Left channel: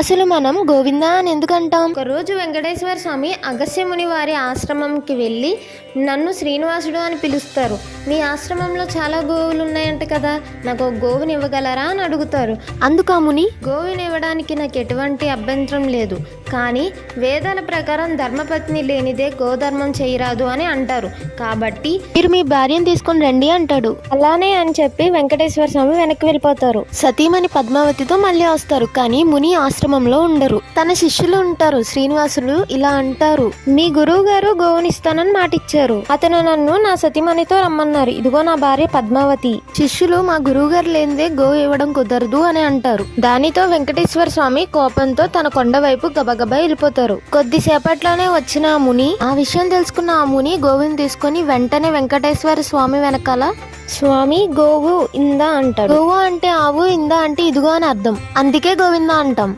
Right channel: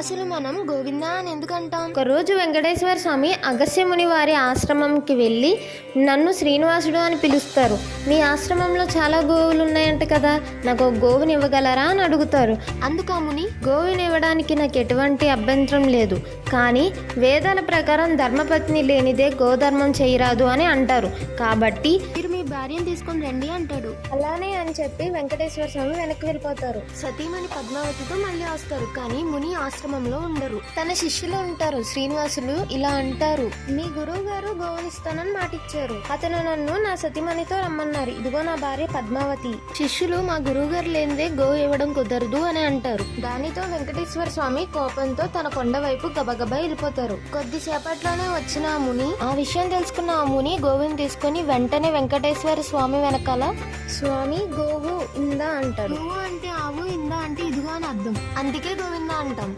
అసలు మనం గోవింద అని ఎందుకు అంటాం? ఒకరోజు వెంకటేశ్వర స్వామి అగస్త్యముని వారి ఆశ్రమంకి వెళ్ళి నన్ను శ్రీనివాసుడు అని పిలుస్తారు. మీ ఆశ్రమంలో చాలా గోవులు ఉన్నాయంట కదా, నాకు ఒక గోవుని ఇవ్వగలరా అని అడుగుతారు. అందుకు ఆ ముని, గోవుని ఇవ్వడానికి నాకు ఎటువంటి అభ్యంతరం లేదు, కానీ వేదాల ప్రకారం ధర్మపత్ని లేనిదే గోధర్మం చేయరాదు అని అంటారు, కాబట్టి మీరు మీ భార్యను తీసుకొని రండి అంటాడు. అలానే అని చెప్పి వెంకటేశ్వర స్వామి వెనక్కి వెళ్ళిపోతారు. సతీమణి పద్మావతితో మళ్ళీ వస్తారు, కానీ ముని ఆశ్రమంలో ఉండరు. తన శిష్యులు ఉంటారు. శ్రీనివాసులు ఇలా అంటారు, మీ గురువు గారు గోవునిస్తానని మాటిచ్చారు, అతను నన్ను నా సతీమణితో రమ్మన్నారు, ఇదిగో నా భార్య పద్మావతి. శిష్యులు మా గురువు గారు లేనిదే గోవు ఇవ్వడం కుదరదు అని అంటారు. దానితో వెంకటేశ్వర స్వామి కోపంతో తన కొండ వైపు గబగబా వెళ్ళిపోతారు. కొద్దిసేపట్లోనే వచ్చిన ఆ ముని, ఆ విషయం తెలుసుకున్న ఆ ముని గోవుని తీసుకొని వెంటనే వెంకటేశ్వర స్వామి వెనకాల, స్వామి గోవు ఇందా అంటాడు. గోవు అంటే ఆవు, ఇందా అంటే ఇదిగో అని అర్థం, అందుకే గోవింద అంటాం.